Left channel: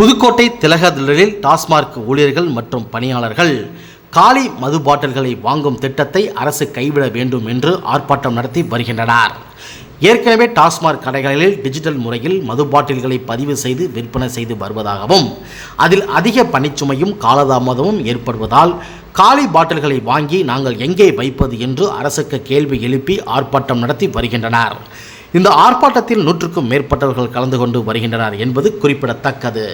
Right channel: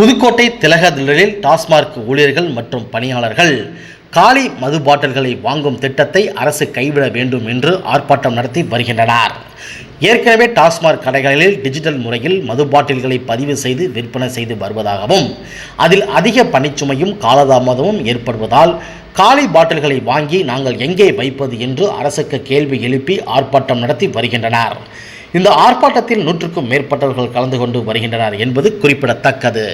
புதுக்கோட்டை திலகதிடலில் டாஸ்மார்க் ஊழியர்கள் மற்றும் பணியாளர்கள் காலி மது பாட்டில்களை வாங்கும் திட்டத்தை அரசு கைவிட வேண்டும் என்று ஆர்ப்பாட்டம் நடத்தி வருகின்றனர். ஏற்கனவே டாஸ்மார்க் கடைகளில் டிஜிட்டல் முறையில் மது பாட்டில்களை பதிவு செய்து விற்பனை செய்து வருவதாகவும் அதில் அதிக பணிச்சுமையும் காலதாமதமும் ஏற்படுவதால் காலி பாட்டில்களை வாங்கி நாங்கள் எங்கே வைப்பது என்று அரசுக்கு கேள்வி எழுப்பி ஆர்ப்பாட்டம் நடத்தி வருகின்றனர். இந்த ஆர்ப்பாட்டத்தில் நூற்றுக்கும் மேற்பட்டவர்கள் கலந்து கொண்டு வருகின்றனர் என்பது குறிப்பிடத்தக்கது.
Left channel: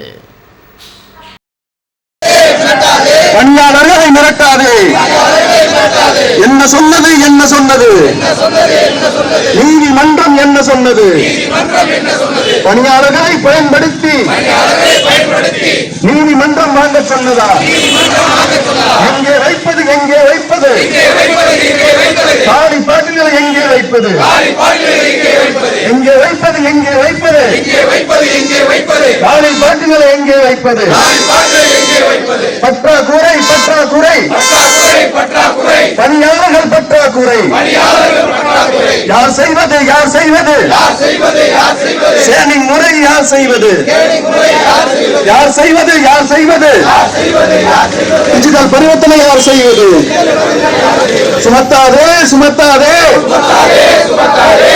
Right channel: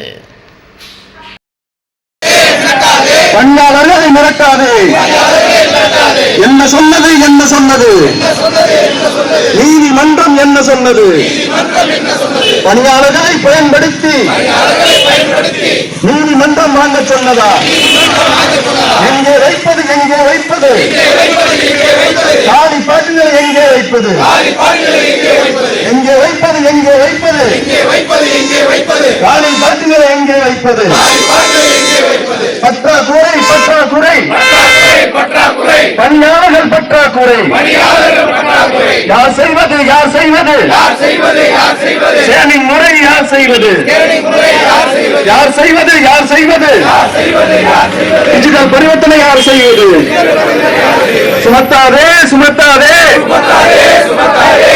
பணியாளர்களை மிரட்டாதே. என்ன சொன்னது என்ன சொன்னது? நீதிமன்றம் என்ன சொன்னது? பணியாளர்களை பயன்படுத்தி நீதிமன்றம் வாங்க சொன்னதா எங்கே வைப்பது எங்கே வைப்பது பாட்டில்களை எங்கே வைப்பது? எங்கே வைப்பது? எங்கே வைப்பது காலி பாட்டில்களை எங்கே வைப்பது பற்றாக்குறை பற்றாக்குறை. பணியாளர்கள் பற்றாக்குறை. யார் செய்வது யார் செய்வது? சேனிங் முறை யார் செய்வது? யார் செய்வது? யார் செய்வது டிஜிட்டல் பரிவர்த்தனை யார் செய்வது? சுமத்தாதே சுமத்தாதே.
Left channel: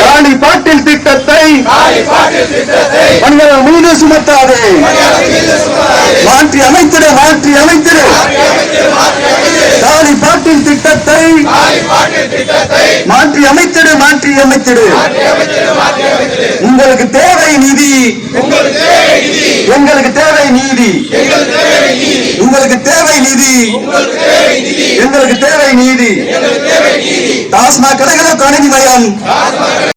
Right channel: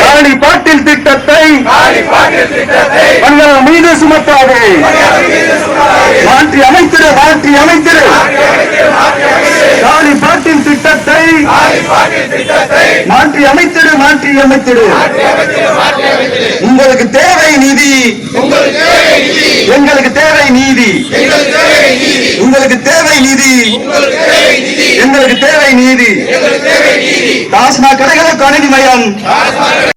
காணி பாட்டில் திட்டத்தை பணியாளர் மீது சுமத்தாதே. மாற்றி அமைத்திடு மாற்றி அமைத்திடு. காணி பாட்டில் திட்டத்தை மாற்றி அமைத்திடு மாற்றி அமைத்திடு. உங்களுக்கு தேவை நீதி. எங்களுக்கு தேவை நீதி. உங்களுக்கு தேவை நீதி. எங்களுக்கு தேவை நீதி. டாஸ்மாக் கடைகளுக்கு அநீதி மயம்